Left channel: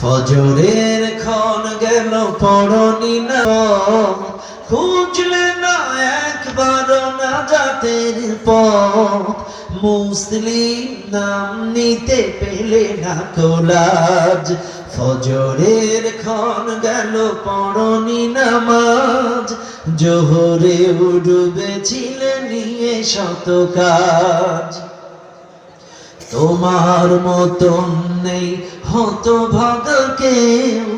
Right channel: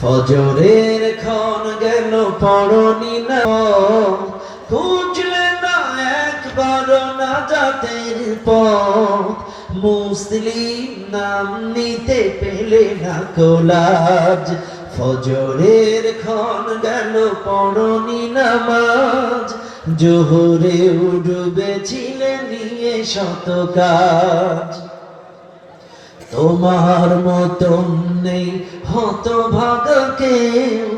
ফজরের ক্ষণ গেল পড়নি না, খুঁজলে না একবার নাজাতের পথ। মুসলিম নাম নিতে পেলে না কোলাজ। ফজরের ক্ষণ গেল পড়নি নামাজ, জোহরে ডুবেছিলে নিয়ে শত কাজ। তোমার মতন নেই হতভাগা কেউ,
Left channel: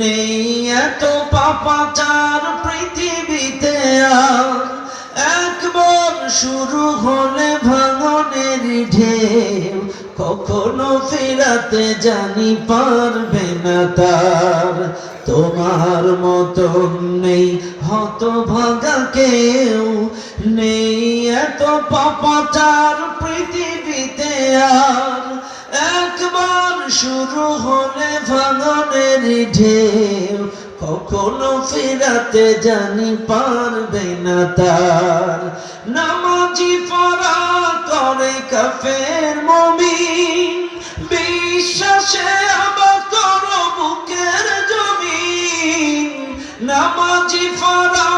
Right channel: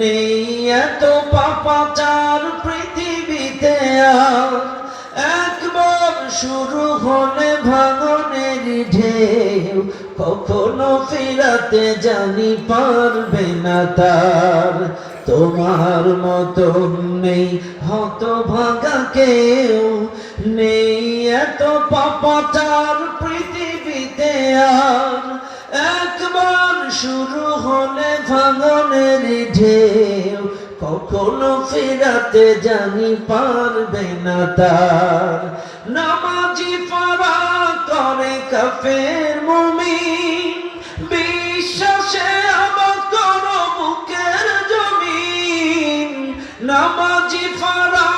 নেই এত পাপাচার পৃথিবীতে আর। একবার শুরু হলে ভাঙনের ঢেউ, কখনো ফিরাতে জানি পারবে না তার। তোমার মতন নেই হতভাগা কেউ, নেই এত পাপাচার পৃথিবীতে আর। একবার শুরু হলে ভাঙনের ঢেউ, কখনো ফিরাতে জানি পারবে না তার। নামাজি ফারা করে কাফের মুমিন, বিশ্বাসে আবাদ করো বুকের জমিন। নামাজি ফারা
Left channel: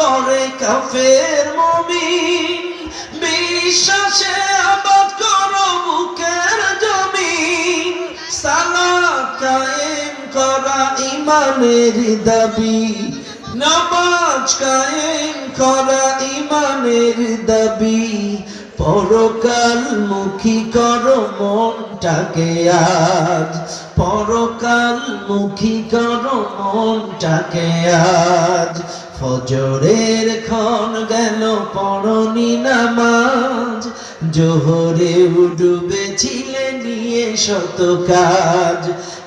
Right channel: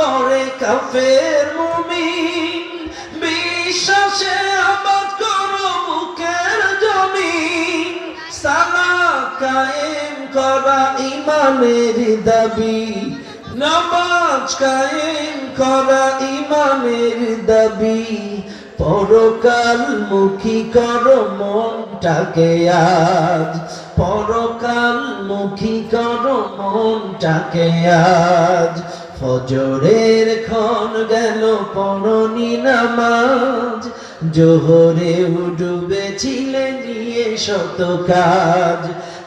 করে কাফের মুমিন, বিশ্বাসে আবাদ করো বুকের জমিন। সালাত কায়েম করা ইমানের দাবি, নামাজ কায়েম করা ইমানের দাবি। পরকাল মুখী করো মনটাকে আজ, পরকাল মুখী করো মনটাকে আজ। ফজরের ক্ষণ গেল পড়নি নামাজ, জোহরে ডুবেছিলে নিয়ে শত কাজ।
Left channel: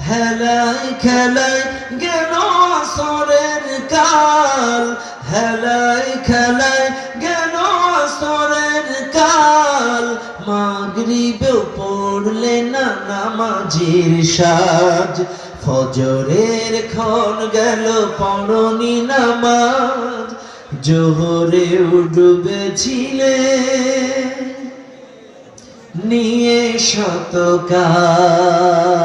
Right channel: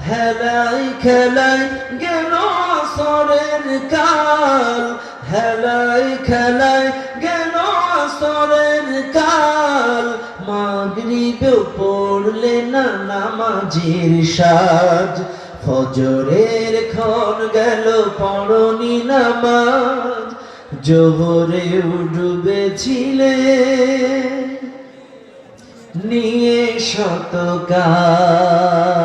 হেলায় খেলায় গেল আসরের কাল, হেলায় খেলায় গেল আসরের কাল। মাগরিবেও পড়লে না নামাজের সাজ। ফজরের ক্ষণ গেল পড়নি নামাজ, জোহরে ডুবেছিলে নিয়ে শত কাজ।